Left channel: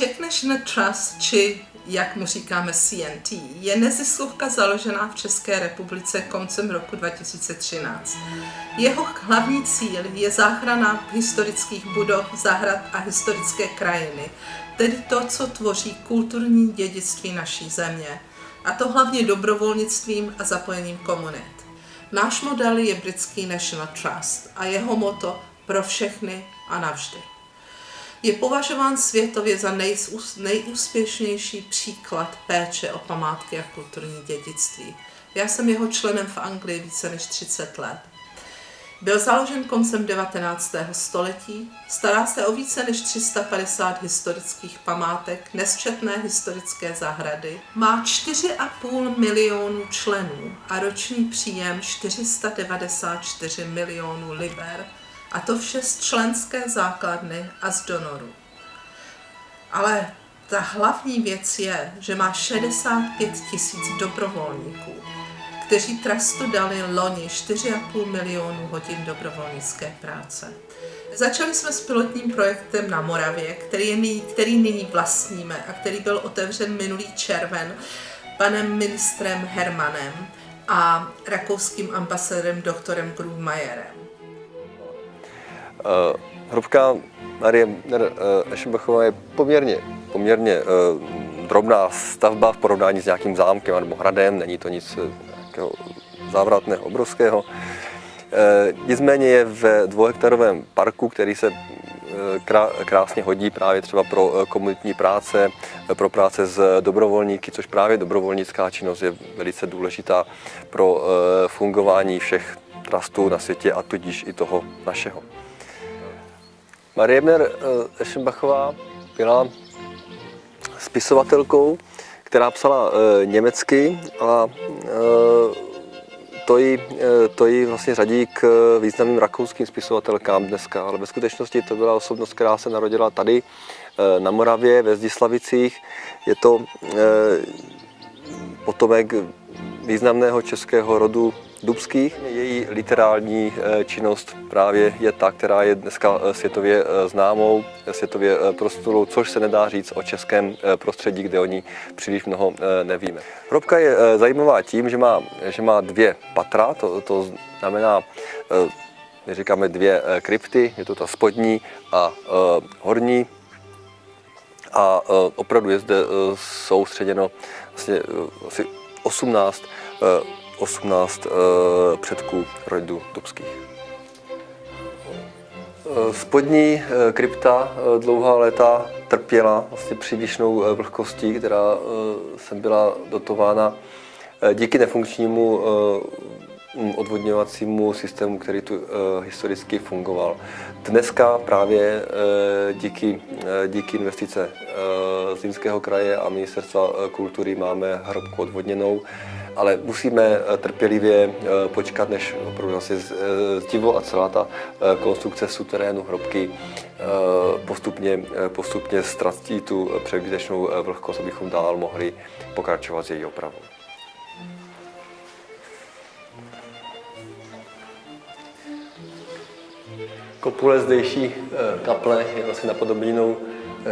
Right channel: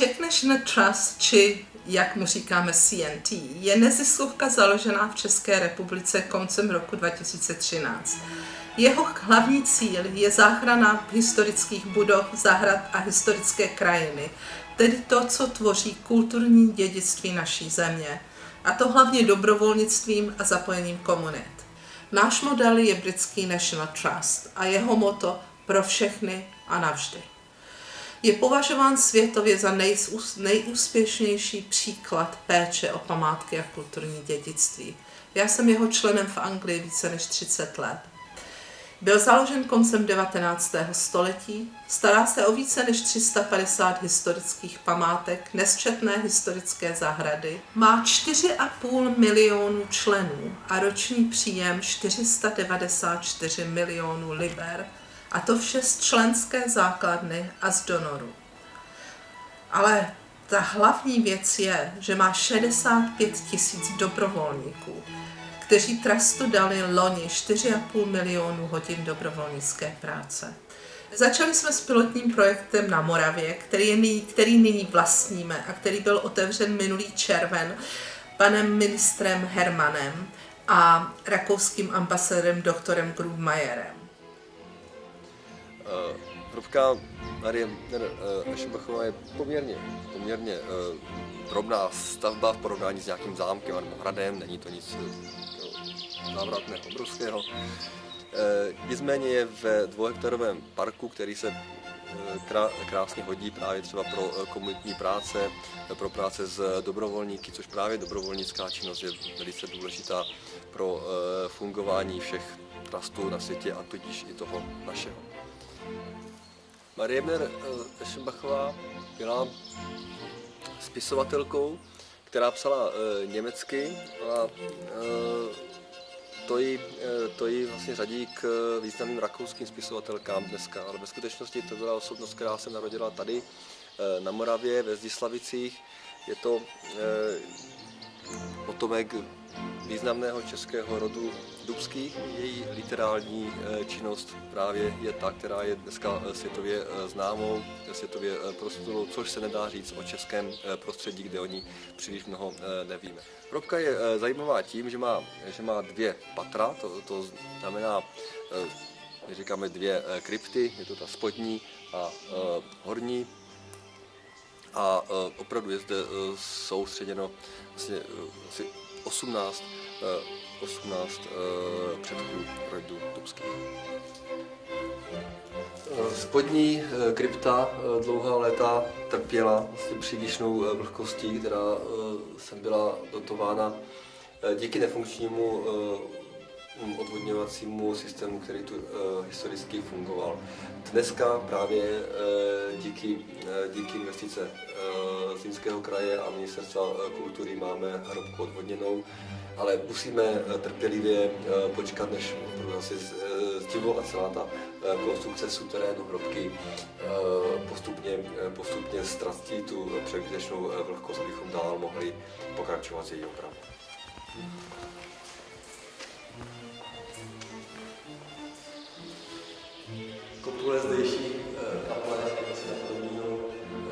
Czech National Trust, či jak mu říkáme CNT, je neziskovka založená v České republice koncem roku 2013. Jeho hlavní cíl je záchrana historických budov, zahrad a historické krajiny, tedy to, co tvoří kulturní dědictví naší země, a to hlavně dobrovolnictvím a zapojením komunit. Náš model je britský National Trust a jeho motto pro všechny a navždy. Je považován světově za nejúspěšnější příklad péče o památky a kulturní dědictví. Já jsem jeho členem v Anglii více než 30 let. Byl založen koncem 19. století, stará se o více než 350 historických památek, nesčetné historické zahrady, má 4,5 milionu členů a roční příjem 494 milionů liber, a to vše z členské základny a z donorů. Ale ta hlavní věc je, že má 65 000 dobrovolníků, kteří trustu dali loni 4,5 milionu hodin dobrovolnické práce. Začali jsme s pilotním projektem na Moravě, který nyní vlastníme a který byl otevřen minulý červen panem ministrem Hermanem a rakouským ambasadorem doktorem Grubmayerem. Hrobka Marie Eschenbachová je poměrně drobná stavba v porovnání s nějakým zámkem nebo hradem, není to nic závratného, obrovského. Nicméně je ve 2hektarovém parku, který se krásně hodí právě třeba pro komunitní práce, pro práce s dobrovolníky, což právě dobrovolnická činnost je velice důležitá pro fungování všech trustů na světě a tudíž i toho našeho. Marie Eschenbachová byla spisovatelkou, která psala německy a to ji vlastně řadí k významným rakouským spisovatelkám dneska, ale ve skutečnosti to byla osobnost, která se narodila tady na Moravě, ve Zdislavicích. Je to potomek významného českého rodu Dubských. Její literární činnost právě je ta, která je dneska světově známou, světově proslulou, což se nedá říct o českém prostředí, kde o ní příliš mnoho nevíme. Hrobka je zajímavá tím, že má 2 patra, to znamená, my říkáme 2 krypty, je to ta spodní a horní. A opravdu je zde soustředěno vlastně asi 18 předků rodu Dubských. Spodní krypta dlouhá léta trpěla vlastně přílišnou vlhkostí, která sem byla dotována díky nefunkčnímu odvodňovacímu systému, který tu historicky fungoval. Dneska právě díky investice Zlínského kraje a Ministerstva kultury máme hrobku odvodněnou, ale musíme trpělivě počkat, než opravdu vlastně zdivo a celá ta konstrukce suterénu hrobky postupně ztratí tu předběžnou vlhkost, abychom dál mohli pokračovat s její opravou. Kopule zdejší kaple je vlastně napodobněnou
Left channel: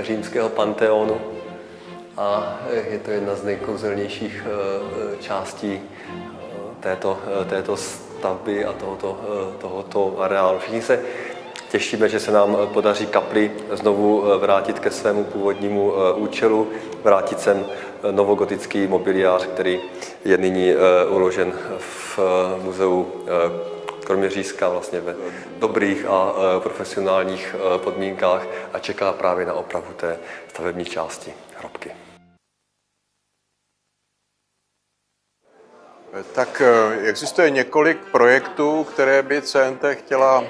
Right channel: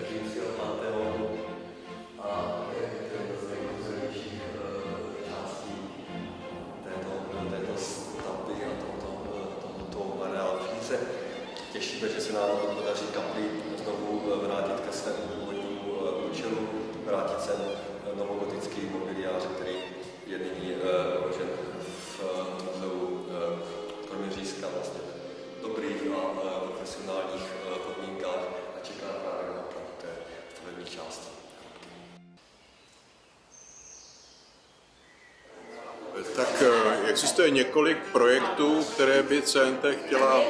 římského panteonu a je to jedna z nejkouzelnějších částí této stavby a tohoto areálu. Všichni se těšíme, že se nám podaří kapli znovu vrátit ke svému původnímu účelu, vrátit sem novogotický mobiliář, který je nyní uložen v muzeu Kroměřížská vlastně ve dobrých a profesionálních podmínkách a čeká právě na opravu té stavební části hrobky. Tak existuje několik projektů, které by CNT chtěla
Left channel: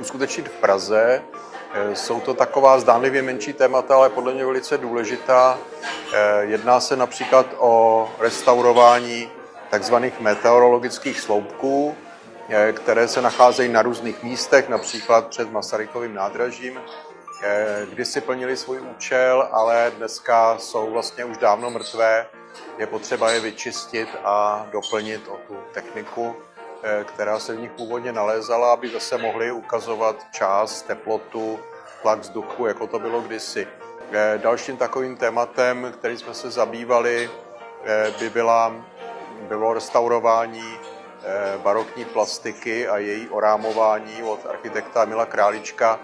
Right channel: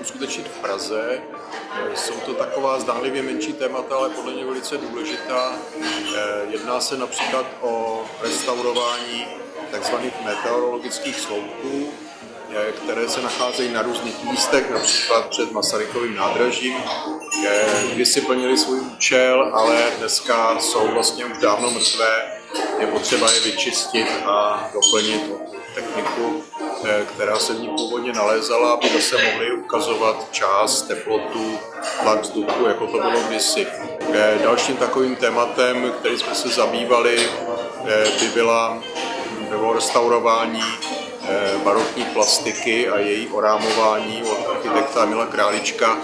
uskutečnit v Praze. Jsou to taková zdánlivě menší témata, ale podle mě velice důležitá. Jedná se například o restaurování takzvaných meteorologických sloupků, které se nacházejí na různých místech, například před Masarykovým nádražím. Kdysi plnili svůj účel, ale dneska jsou vlastně už dávno mrtvé. Je potřeba je vyčistit a doplnit o tu techniku. která se v ní původně nalézala, aby se mohly ukazovat čas, teplotu, tlak vzduchu, jako to bylo kdysi. Dalším takovým tématem, který jsme se zabývali, bylo restaurování barokní plastiky a její orámování od architekta Emila Králíčka,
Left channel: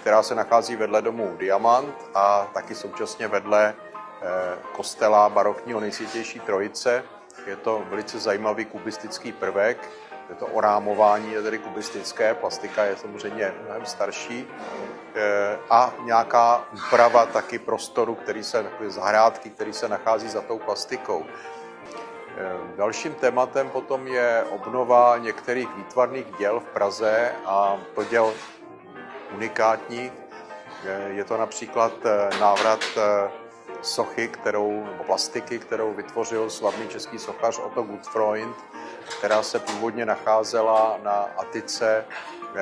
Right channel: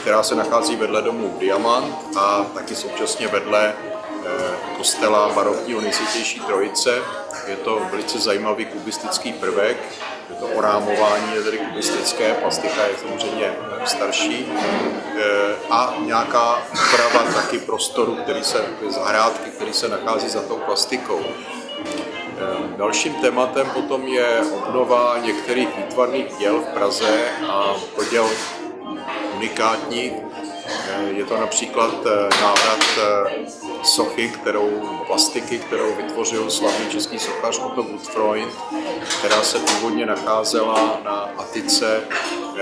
která se nachází vedle domu Diamant a taky současně vedle kostela barokního Nejsvětější Trojice. Je to velice zajímavý kubistický prvek, je to orámování, je tedy kubistické, plastika je samozřejmě starší a nějaká úprava taky prostoru, zahrádky, který se nachází za tou plastikou. Dalším tématem potom je obnova některých výtvarných děl v Praze a to děl unikátních. Je to například návrat sochy, plastiky, kterou vytvořil slavný český sochař Otto Gutfreund, která se původně nacházela na atice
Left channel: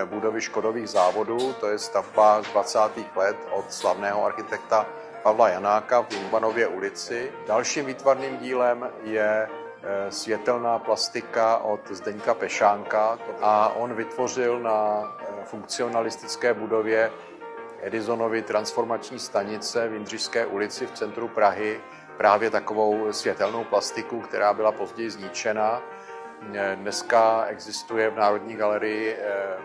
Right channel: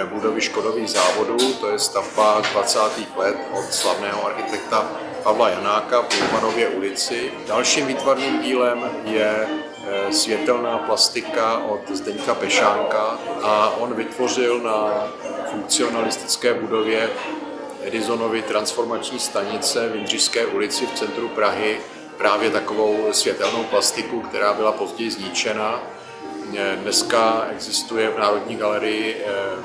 budovy Škodových závodů, to je stavba 20. let od slavného architekta Pavla Janáka v Ulmanově ulici. Dalším výtvarným dílem je světelná plastika od Zdeňka Pešánka a on vytvořil na funkcionalistické budově Edisonovy transformační stanice v Jindřišské ulici v centru Prahy právě takovou světelnou plastiku, která byla později zničena. Dneska existuje v Národní galerii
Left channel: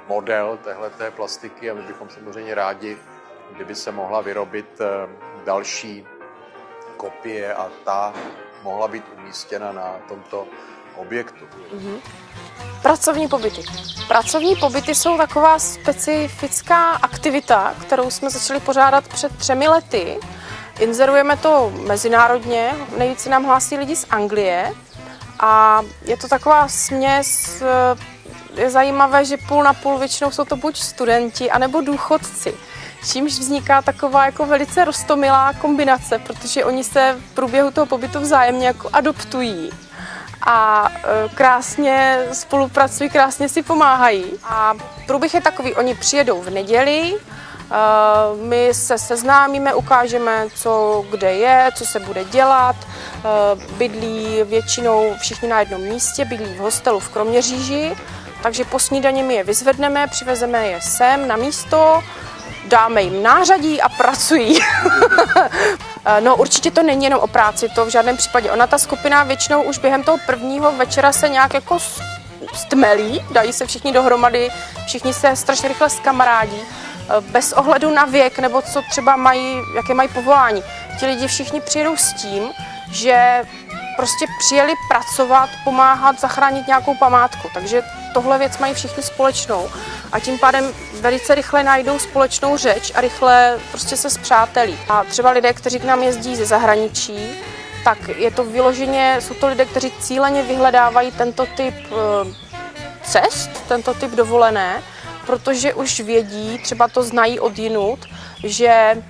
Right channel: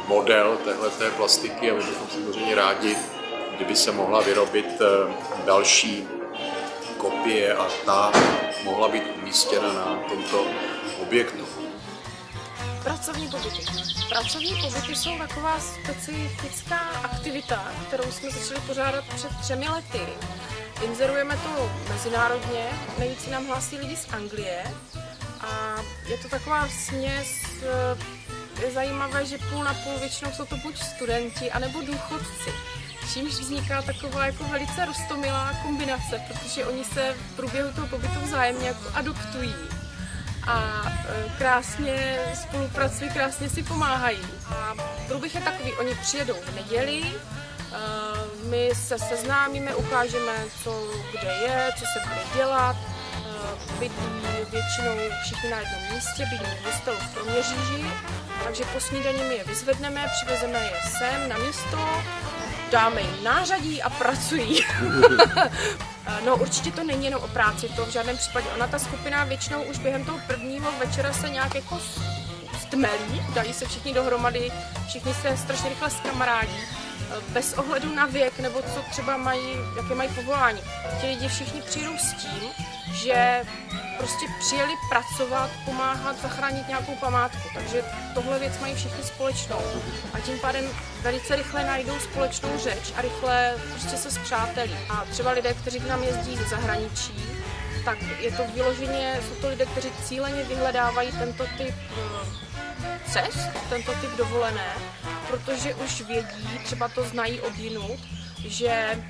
model téhleté plastiky a my bychom samozřejmě rádi, kdyby se mohla vyrobit další kopie a ta mohla být umístěna na tomto objektu. Pracovní pobyty. Pracovní pobyty jsou taková specifická aktivita, kterou jsme začali pořádat před 3 lety. Inzerujeme to mezinárodně, nejvíce nám hlásí lidi z Anglie a je to taková směs, je zajímavé, že půl na půl většinou jsou to buď studenti, anebo důchodci. Čímž vzniká taková jako velice roztomilá kombinace, protože oni se v průběhu toho pobytu vzájemně jako adoptují a krásně spolupracují, krásně si pomáhají. A průběh je takový, oni přijedou v neděli, my se seznámíme, ukážeme, co kde je, co se bude dělat. Bydlí většinou všichni na jednom místě, bydlí v hostelu v Kroměříži, takže po snídani my je vyzvedneme, přivezeme je sem na místo, dáme jim nářadí a pracují. No určitě to není jenom o práci, to v žádném případě. Ona ta skupina většinou už během toho prvního večera se nějak jako stmelí, dají se všichni dohromady, všichni se strašně rychle zkamarádí, bez ohledu na věk nebo co třeba mají, jaké mají povolání. Ti lidi všichni přijedou s tím, že prostě přijeli pracovat, pomáhat, zachránit nějakou památku. Takže tohle věc mají všichni společnou a tím pádem velice rychle najdou společnou řeč a rychle prostě se spřátelí. A třeba lidé, kteří k nám jezdí ze zahraničí, tak je to vyloženě, jsou to lidé, kteří cíleně vyhledávají tento typ cest, tento typ dovolené, protože už vědí, třeba to znají odjinud, že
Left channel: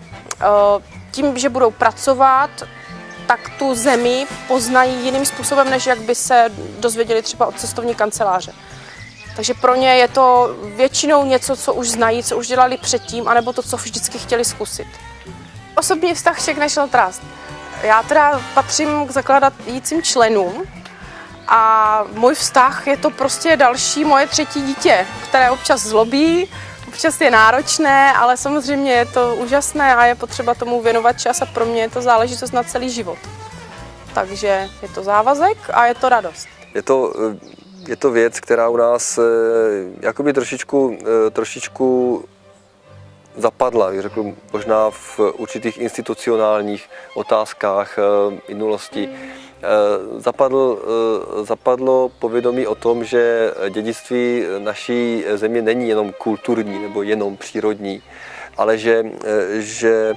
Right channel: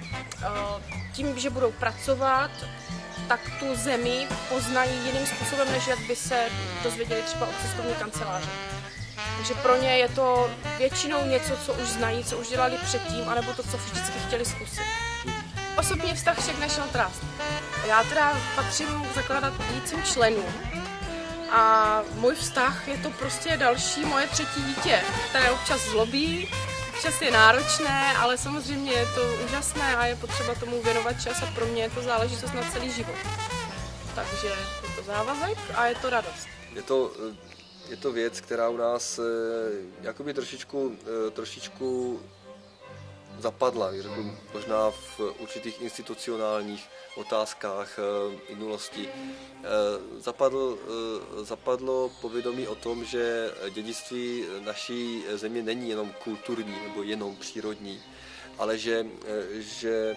tím, že budou pracovat, tak tu zemi poznají jiným způsobem, než jak by se dozvěděli třeba od cestovní kanceláře. Takže pro ně je to většinou něco, co už znají, co už dělali předtím, anebo to, co vždycky chtěli zkusit. Osobní vztah Czech National Trust. Já teda patřím k zakládajícím členům a můj vztah je to prostě další moje 3. dítě, které občas zlobí, občas je náročné, ale samozřejmě je to úžasné a je potřeba tomu věnovat čas a pro mě je to záležitost na celý život. Takže je to závazek a je to radost. Je to věc, která u nás jakoby trošičku zapadla, řekl možná v určitých institucionálních otázkách minulosti. Zapadlo povědomí o tom, že dědictví naší země není jenom kulturní nebo jenom přírodní, ale že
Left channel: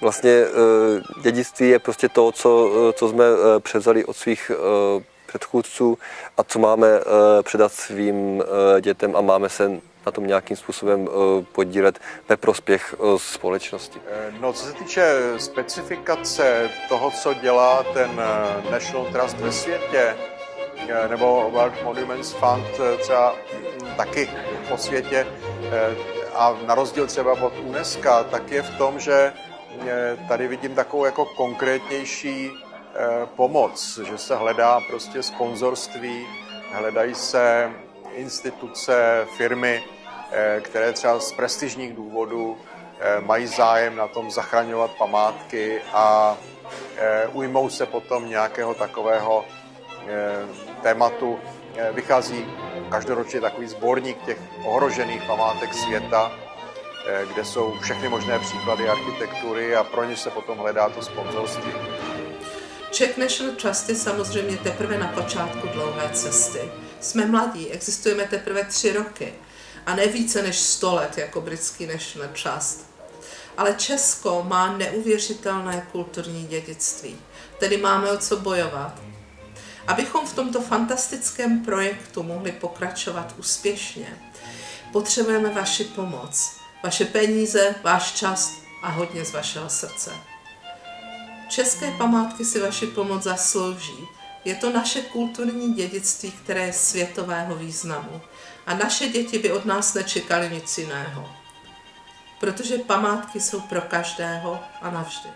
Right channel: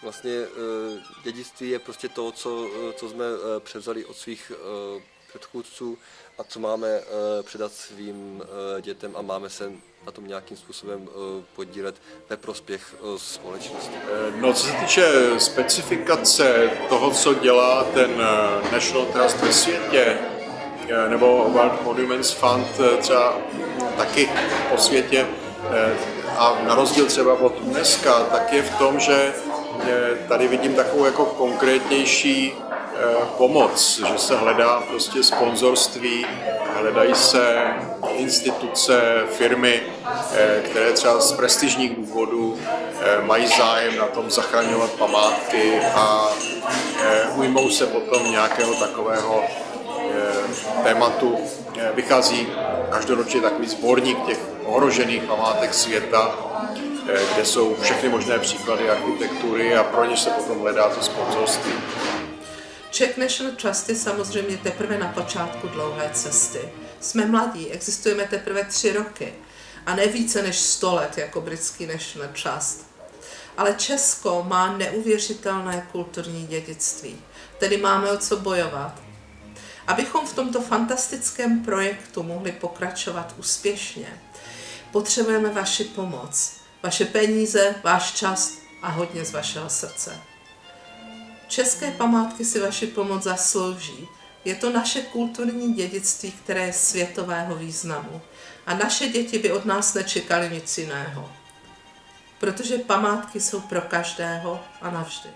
vlastně dědictví je prostě to, co jsme převzali od svých předchůdců a co máme předat svým dětem a máme se na tom nějakým způsobem podílet ve prospěch společnosti. No, co se týče specifikace toho, co dělá ten National Trust ve světě, nebo World Monuments Fund třeba taky po světě, a na rozdíl třeba od UNESCO, tak je v tom, že tady vidím takovou jako konkrétnější pomoc, že se hledá prostě sponzorství hledají se instituce, firmy, které třeba z prestižních důvodů mají zájem na tom zachraňovat památky a ujmou se potom nějakého takového tématu. Vychází každoročně takový sborník těch ohrožených památek světa, kde jsou všechny možné příklady architektury a pro ně se potom hledá to sponzorství. Czech National Trust je samozřejmě teprve na počátku dlouhé cesty. Jsme mladí, existujeme teprve 3 roky a ne více než 100 let jako britský National Trust. Ale Česko má neuvěřitelné kulturní dědictví, tedy máme o co bojovat. Abychom v tomto fantastickém projektu mohli pokračovat úspěšně, potřebujeme vaši pomoc, vaše peníze, váš čas a hodně z vašeho srdce. České památky si vaši pomoc zaslouží. Je to naše kulturní dědictví, které je světového významu. A naše děti by od nás nečekaly nic jiného. Protože památky jsou pro každého a navždy.